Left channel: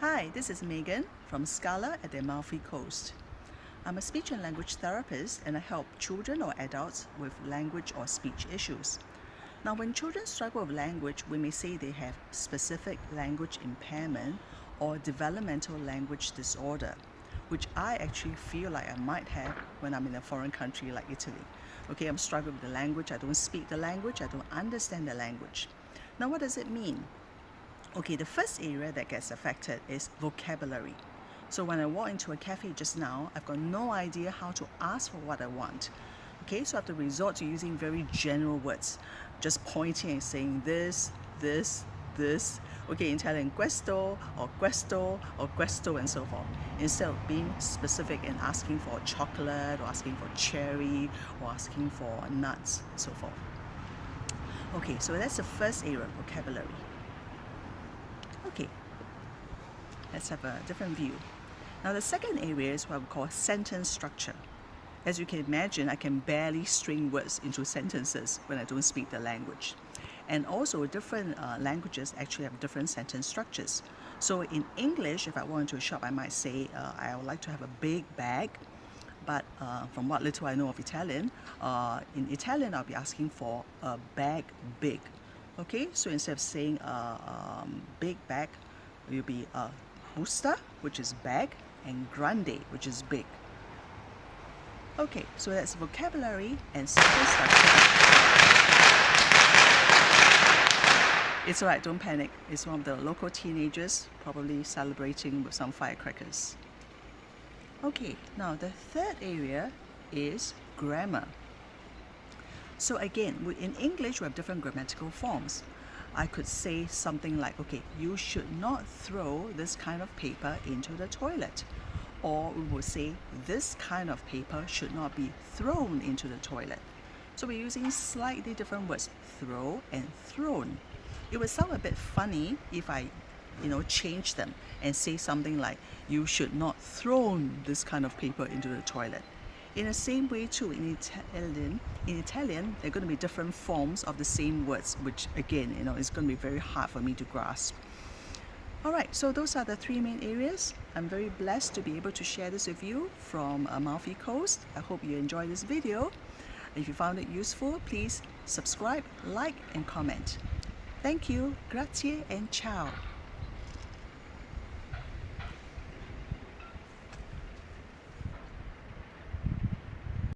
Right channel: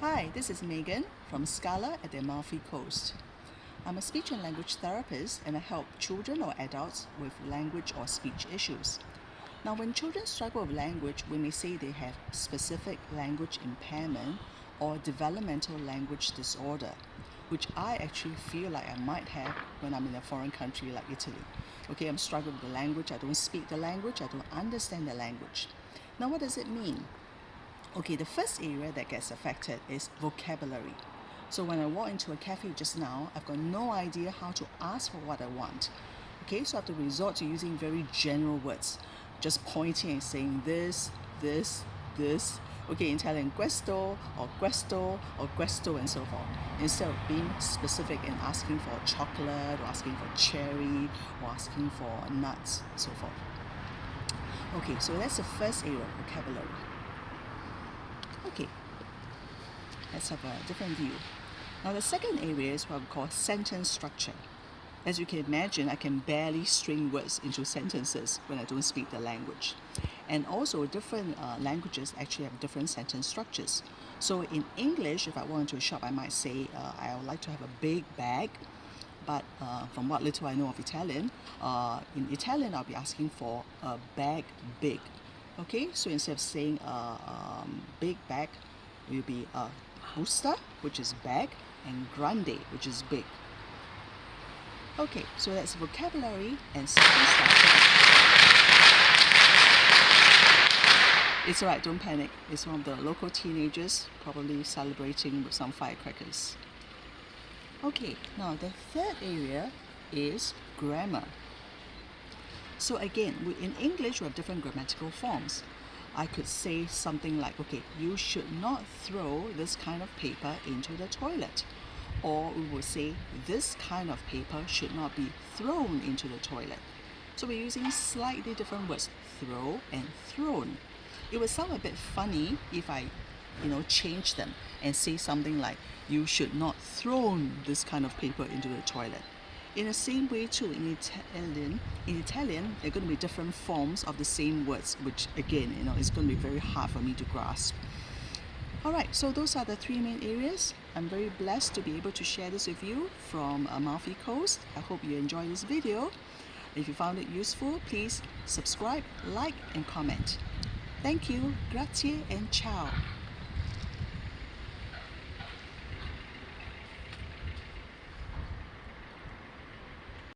Hi, this is Magan from Scala at the Amalfi Coast. I'm a speech and language therapist and I help children or adults with language or speech issues. Now, when children struggle with language, we may say they have specific language impairment or developmental language disorder, which I actually feel like I might have when I'm in a foreign country like Italy. Okay, I'm struggling with the language, I don't speak the language, I don't understand the language. Now, what does it mean? Okay, the first area that gets affected is vocabulary. So when I walk into a cafe just now, I've got no idea how to ask for what I want. Okay, so I have to resort to using very general words, just pointing and saying this, this. Okay, in Italian, questo or questo and so forth. Instead of being specific and asking for chocolate or asking for cherry or asking for nuts and so forth. Okay, so that's the first area, vocabulary. Okay, let's have a different view. Now the second area is what we call sentence structure. As you can imagine, I can barely string words into sentences when I don't speak the language. And also different languages actually have different sentence structures. So in English, if I went to a shop, I might say, I would like to have a big bag. But from what little I know of Italian, in Italian I'll be asking for a bag big. Okay, so instead of saying big bag, it will be busta, which is bag, and grande, which is big. Okay, so that's vocabulary and sentence structure. It's alright, don't panic. It's one of the local teenagers probably celebrating with some firecrackers. Okay, now the third area is grammar. So again, in English, we have different grammatical forms. I could say something like, okay, you should not throw this kind of paper into the toilet. Or we would say, this kind of paper should not be thrown into the toilet. So we're using slightly different words, throw and thrown. It would sound a bit funny if I, change them and say something like, you should not throw this kind of paper into the toilet. In the same way too, in Italian, there are going to be different forms of the same words, which again, is going to be very hard for me to grasp. Alright, so those are the three main areas. I'm very blessed to be able to share this with you from Amalfi Coast. I hope you enjoyed this video. If you found it useful, please subscribe, like and comment. Thank you, grazie and ciao.